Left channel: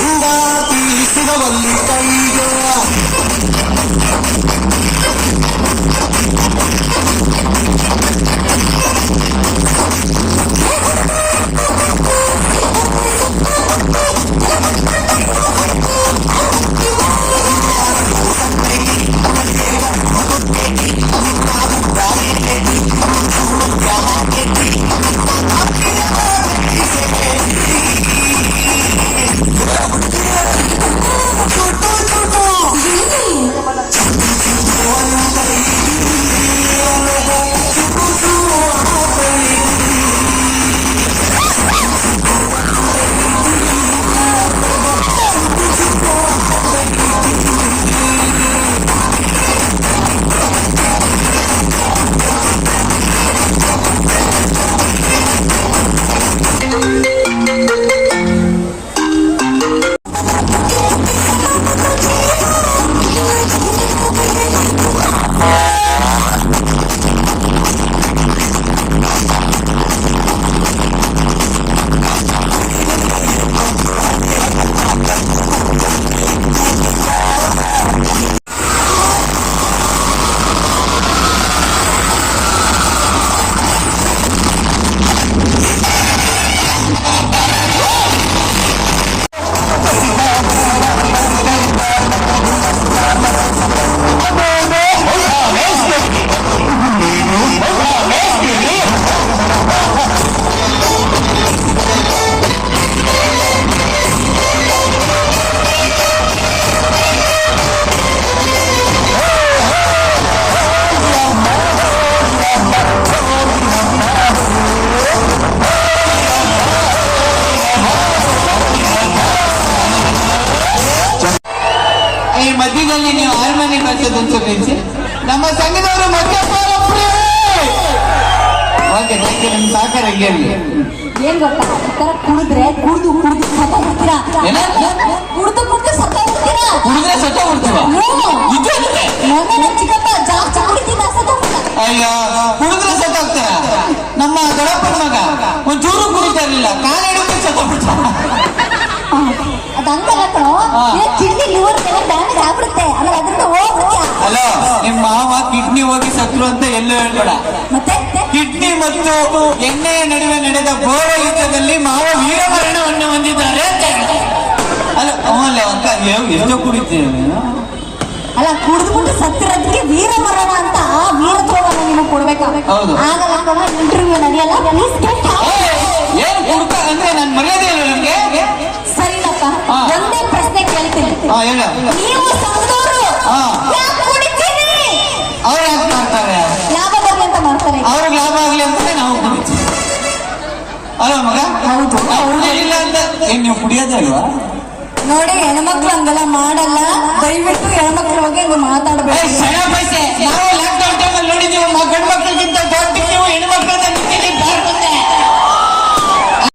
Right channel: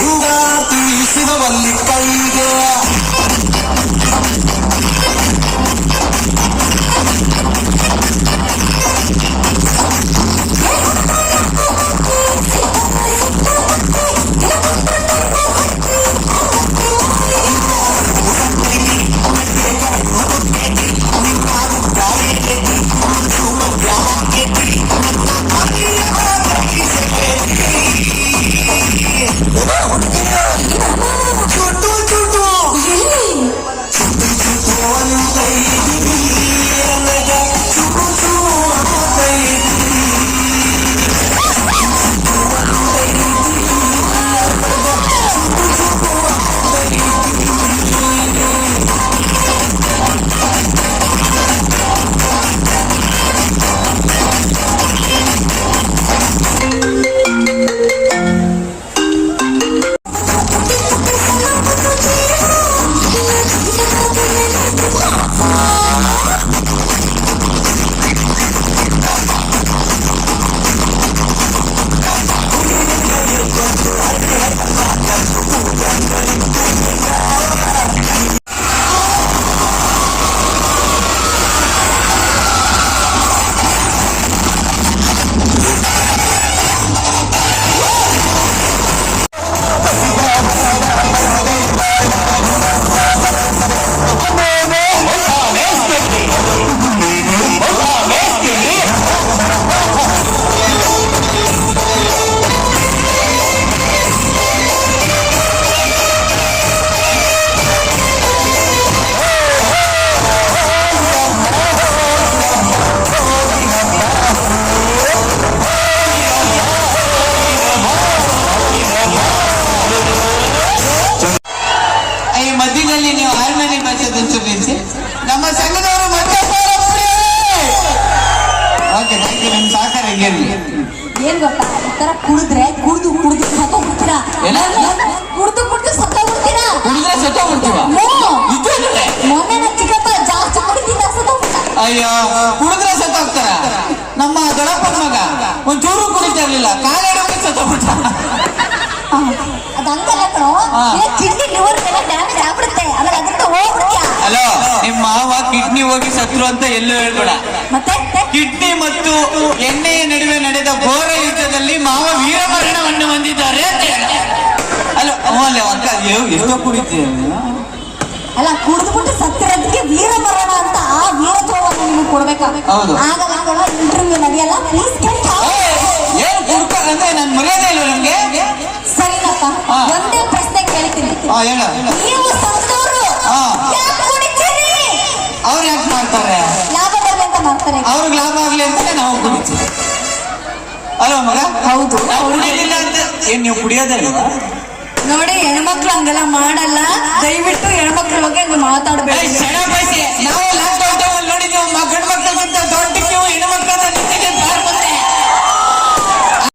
ಹಿಂಗಾತಿ ಸಿಗವಲ್ಲಿ ಕೈಗೆ ನಮ್ಮ ಸಂಘದವರು ನಿಮ್ ಸಹಕಾರ ಏನ್ ಗೊತ್ತಾ ಈ ತರ ಕುಡಿದ್ರೆ ಕುಡ್ದು ಸತ್ತೋಗ್ಬಿಡ್ತೀರಾ ಕುಡಿದ್ರೆ ಸತ್ತೋಗ್ಬಿಡ್ತೀವ ಮೊನ್ನೆ ನನ್ನ ಚಿಕ್ಕಪ್ಪ ಜಾಸ್ತಿ ಕುಡಿದಿಲ್ಲ ಸತ್ತೋಗ್ಬಿಟ್ಟ. ಅಯ್ಯ ಕುಡಿದ್ರೆ ಸತ್ತೋಗ್ತಾರ. ನಮ್ಮ ದೊಡ್ಡಪ್ಪನ ಮಗ ಒಂಚೂರು ಕುಡಿತಾ ಇರ್ಲಿಲ್ಲ, ಕಾಲೇಜ್ ಸತ್ತೋಗ್ಬಿಟ್ಟ. ಕಿಡ್ನಿ ಲಿವರ್ ಡ್ಯಾಮೇಜ್ ಆಗ್ಬಿಡುತ್ತೆ, ಆಮೇಲೆ ಅದರಿಂದ ಹೋಗ್ಬಿಡ್ತೀಯ. ಅಲೋ, ನಿಮ್ಮ ಮಾವ ಕಿಡ್ನಿ ಹೋಗಿ ಸತ್ರು ಅಂತ ಎಲ್ಲೂ ಹೇಳ್ಬೇಡ. ಮತ್ತೆ ಕಿಡ್ನಿ ಮತ್ತು ಎಣ್ಣೆಯ ನಡುವೆ ನಡೆದ ಘೋರ ಯುದ್ಧದಲ್ಲಿ ಮಾವ ವೀರಮರಣವನ್ನು ಹೊಂದಿದ್ದಾರೆ. ಅಲ್ಲ ಅವಲ್ಲ ಅಂತ ಎಷ್ಟೋ ಕುಡಿತೇವೆ. ಅಲ್ಲ, ಕುಡಿದ್ಬಿಟ್ಟು ಸತ್ತಿರೋದಕ್ಕೆ ವೀರಮರಣ ಅಂತ ಆ ವೀರತ್ವವನ್ನು ನಿಮಗೆ ಕೊಡ್ಬೇಕಾಗ ಆಗಲ್ಲ, ಇಂಟರ್ವ್ಯೂ ನಡೆಯಲ್ಲ. ಪ್ಲೀಸ್ ಏನು ಕೊಡ್ತಾ ಅಂದ್ರೆ ನಾನು ಮರ್ಯಾದೆ ಇಲ್ಲ ನನಗೆ. ಸರಿಯಪ್ಪ, ಒಂದೇ ಪ್ರಶ್ನೆ ಕೇಳ್ತೀನಿ. ನೀವು ಸಂತೋರು ಅವ್ರು ಯಾಕೆ ಮಾಡ್ತಾರೆ? ಲಾಭ ಬರ್ಲಿ ಅಂತ ಮಾಡ್ತಾರೆ. ಅವ್ರಿಗೆ ಲಾಭ ಆಗ್ಲಿ ಅಂತ ನಾವು ಕುಡಿತೀವಿ ಅಲ್ವಾ ಮಗ? ಹೌದು. ಕುಡಿಯೋದಿಲ್ಲ ಅಂತ ಏನ್ ನೀವು ಕುಡಿಯೋದೇ ಅಲ್ವಾ? ನೋಡಿ, ಹೆಣ್ಮಕ್ಳು ಹಂಗೆಲ್ಲ ಮಾಡಲ್ಲ. ದಯವಿಟ್ಟು ಹೆಣ್ಮಕ್ಳ ಬಗ್ಗೆ ಮಾತಾಡ್ಬೇಕು. ನಾವು